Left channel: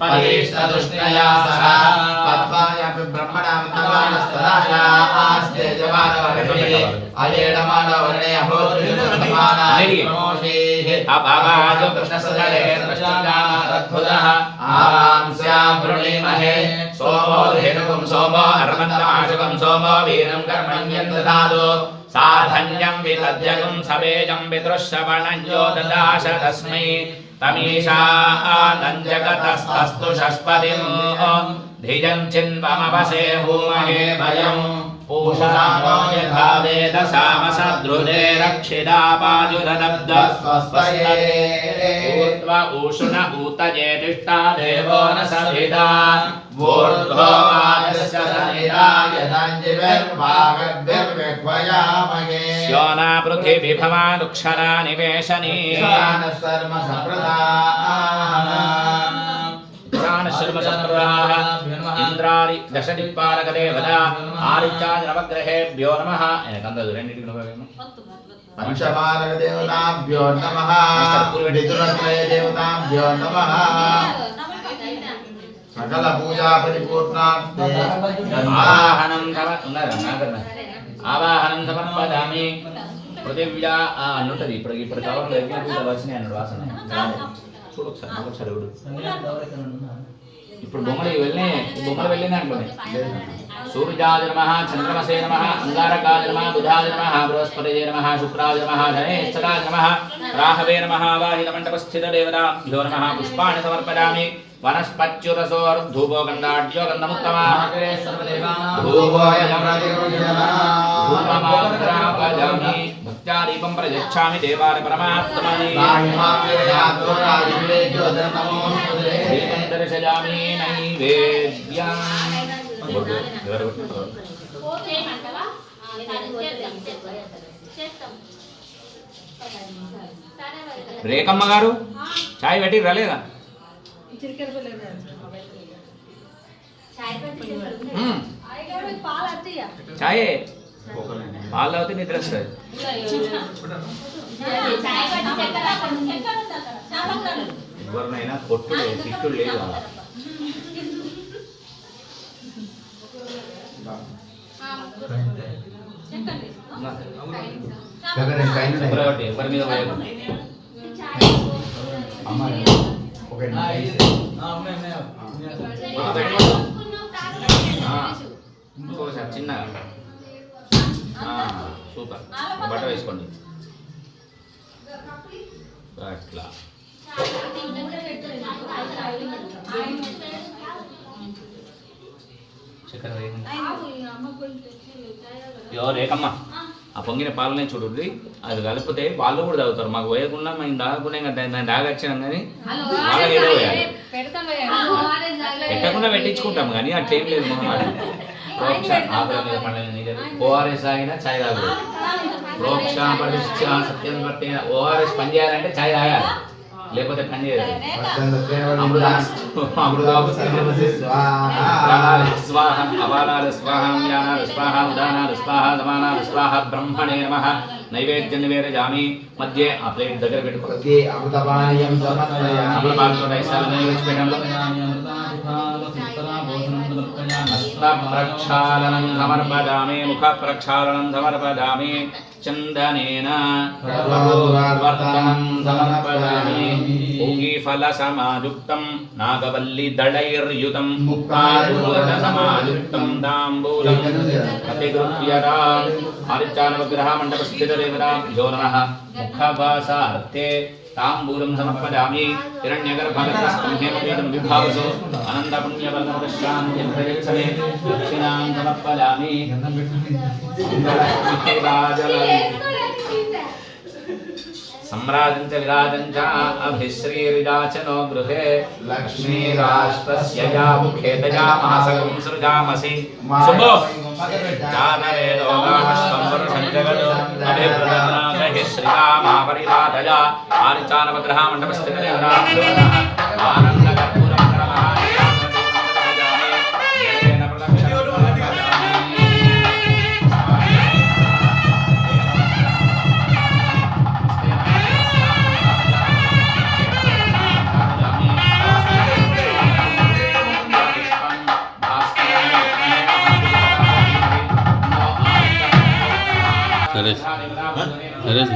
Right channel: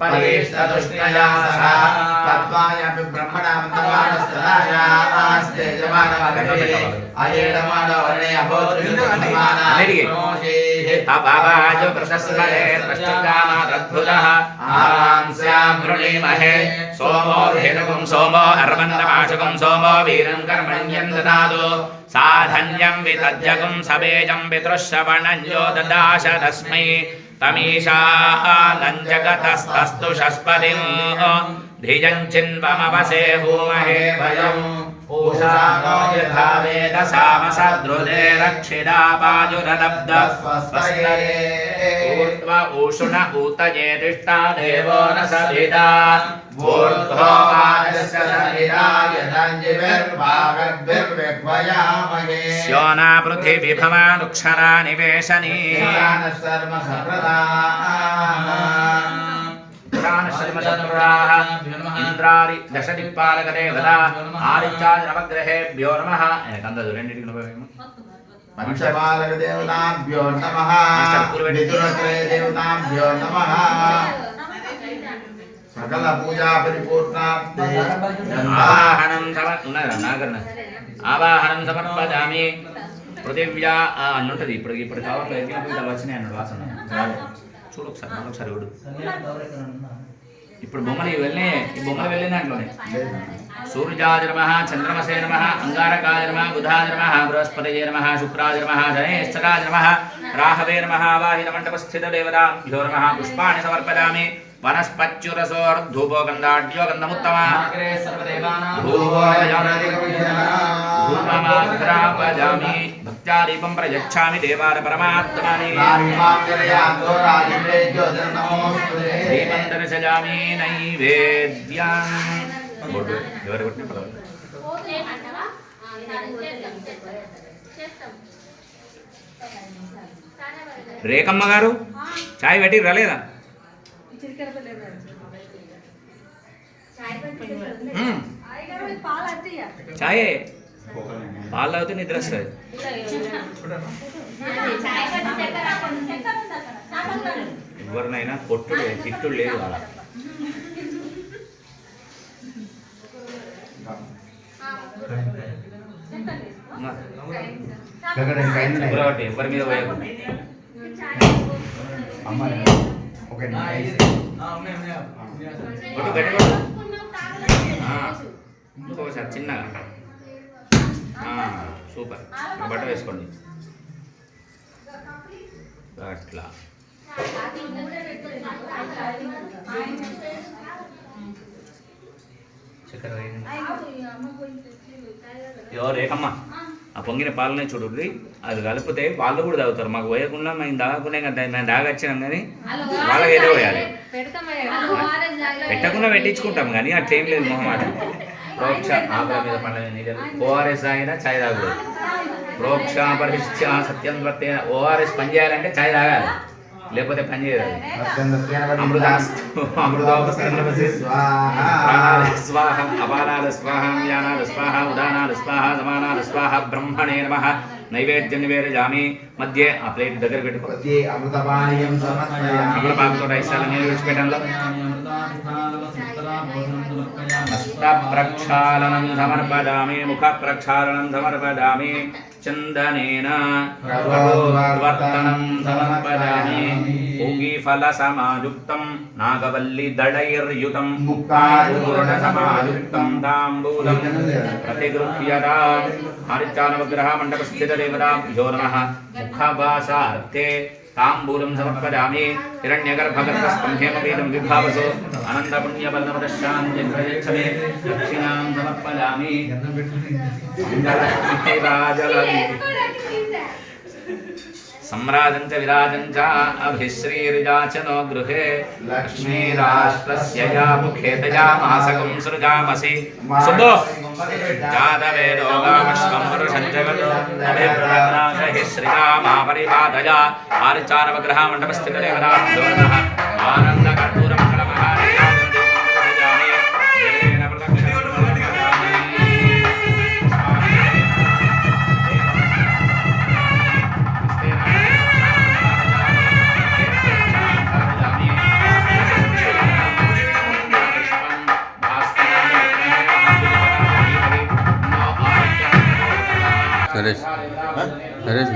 परिष्टदुष्टया सह तत्त्वायपि ब्रह्मणामन्तमानस्तराशास्ते जमानवर्णे अयेणमानवर्णे अभोत्रिमानामोषेः अपावाय कृष्णस्मरे त्वष्टुकामादद्भुतः आवां स्यां वृणीमहे सोमो धेनुकं सोमो अर्वन्दमाशुकं सोमो वीरं कर्मण्यं ददातु साधन्यं वितद्यगं सवेजं पितृश्रवणञ्जो ददाश तस्मै तमीशानं जगतस्तस्तु शस्पतिं धियं चिन्वमवसे भूमहे भयम् पूषाणो यथा पाजुरलब्ध ऊर्ध्व ऊषुण ऊतये तिष्ठा देवो न ऊर्ध्वो यो न पृथिवी भवानुक्षरा निवेशनी प्राणशर्मचन्द्राः इन्द्रादि दशदिक्पालकदेवता आदित्यादिनवग्रहेभ्यो नमः एनकन्ददु रेण्डिटिकु नभवेमु अंशपालकदेवताभ्यो नमः पूर्वदितुनत्रयदेवताभ्यो नमः సకల పూజా పరిపూర్ణార్థే ఆవాహనం సమ ఉన్నారా నాగరణ ఆవాహనం సమర్పజామి పృథివ్యా ఆ, అని ఇప్పుడు ఇప్పుడు కవర్లో ఎరిగిన పూజలు వచ్చినాయి అన్నాడు వాసన. చూడు ఒకసారి మళ్ళీ చూడు. ఇప్పుడు బొమ్మలు ఇవి వెళ్ళినాయి. ఈ బొమ్మలు వెళ్ళిన దాంట్లోనే. సూర్యాది నమ చంద్రమసే నమ అంగారకాది నమ బుధాది నమ బృహస్పతి నమ శుక్రాది నమ ధనేశ్వరాది నమ రాహవే నమ వాహిన మండపస్థిత దేవతాభ్యో నమ పుష్పాన్ని సమర్పయామి. ధూపమాగ్రాపజామి భక్త్యా దీపం ప్రయచ్ఛామి దేవాల పరమాత్మని దీపం దర్శయామి నైవేద్యం ఎవరు కొట్టిన పర్వాలేదు. రేఖమ్మ గారు చాయ్ పెట్టి రాలేదా. చాయే. పాలు తాగితే నిద్ర వస్తుంది ఎవరినైనా కొట్టుడు తిట్టుడు లేదు అలా ఎవరి? మీద పోయకు పెట్టుకోడు ఇంకొకసారి చిన్నగా ఆ, సూపర్. ఒక బట్ట వేసుకోండి. అట్లా. చక్కెర వేయండి. ఎవరు? రేకమ్మా ఆ పొంగిన పాలనే చూడండి అది కలిపితే వాళ్ళు కూడా తాగుతారు. మాకు పోయకుండా మేము తాగకుండా ఇంకా మేము తాగొచ్చినాం కానీ వాళ్ళకి ఏదో పోయాలి. పెట్టకుండా పెట్టించుకుంటాం కానీ అట్లా ఏం లేదు మొహమాట ప్రోక్ష మీద నీళ్ళు ఓఆర్ఎస్ తాగినా చాయ్ తాగదు ప్రోక్ష పరిశిక్ష సత్యం పట్టిన ఓఆర్ఎస్ పని చేయాలంటే చాయ్ తాగాలి. లేకపోతే పని చేయదు ప్రాణాలు స్వాహ అపానాలు స్వాహ జ్ఞానాలు స్వాహ ఉదానాలు స్వాహ సమానాలు స్వాహ బ్రహ్మణే నమ నైవేద్యం నివేదజామి మధ్య ఆ ప్లేట్ దగ్గర పెట్టుకో అమృతపానీయం అప్పుడు పాలతో ఐసాలని విడిచిపెట్టంలో హస్త ప్రక్షాళనం సమర్పదామి ముఖ ప్రక్షాళనం సమర్పదామి చందనేన వర్తనం సమర్పదామి పూగి ఫల సమాయుక్తం నాగవల్లి దళైర్యుతం ముక్తారూఢ సమాయుక్తం తాంబూలం ప్రతిగృహ్యతా ఆదిత్యానవగ్రహ మండపస్థిత దేవతాభ్యో నమః ముఖవాసార్థే తాంబూలం సమర్పయామి హిరణ్యగర్భగర్భస్థం హేమవేదం విభావసో అనంతపుణ్యబలమృశాంతిం ప్రయచ్చమే దక్షిణాం సమర్పయామి మంగళరాజలీ सम्राजं च विराजं च अभिश्रीर्याचनो गृहे लक्ष्मीराष्ट्रस्य या मुखे दयामासकं सृजामसि सुबो जातवेदो वामश्वं पुरुषं जगतो अभिप्रदानादहि श्रियामापरिपादया आर्चानवग्रहामण्डपस्थितरे નરેશ નરેશ